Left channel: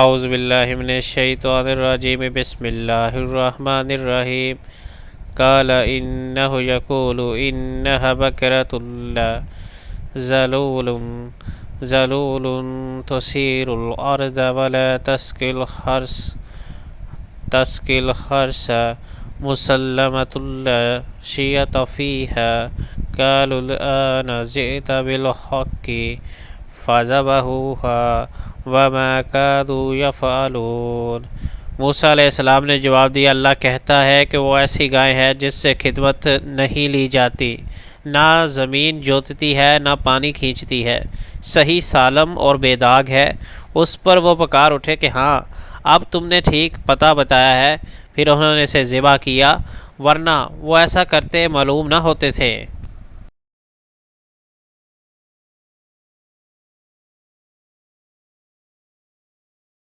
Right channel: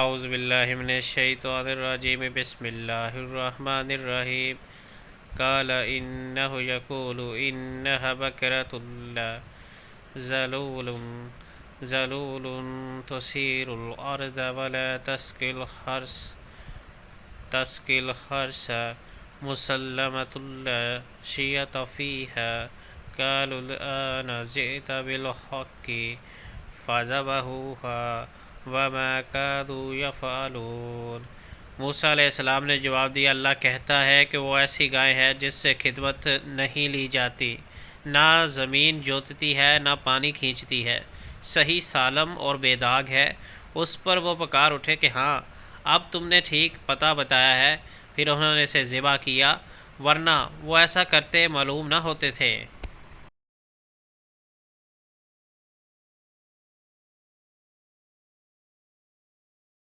اعوذ باللہ من الشیطان الرجیم بسم اللہ الرحمن الرحیم قال انہ یقول انہا بکرۃ ذلول ذلول تثیر الارض ولا تسقی الحرث مسلمۃ لا شیۃ فیہا قالوا الآن جئت بالحق فذبحوها وما كادوا يفعلون۔ موسیٰ علیہ السلام نے جواب دیا، اللہ کہتا ہے کہ وہ ایسی گائے ہے جس سے خدمت نہیں لی جاتی، نہ زمین جوتتی ہے نہ پانی کھینچتی ہے، صحیح سالم اور بے داغ ہے۔ اس پر وہ پکار اٹھے کہ ہاں اب تم نے ٹھیک پتہ بتایا ہے، پھر انہوں نے اسے ذبح کیا، ورنہ وہ ایسا کرتے معلوم نہ ہوتے تھے۔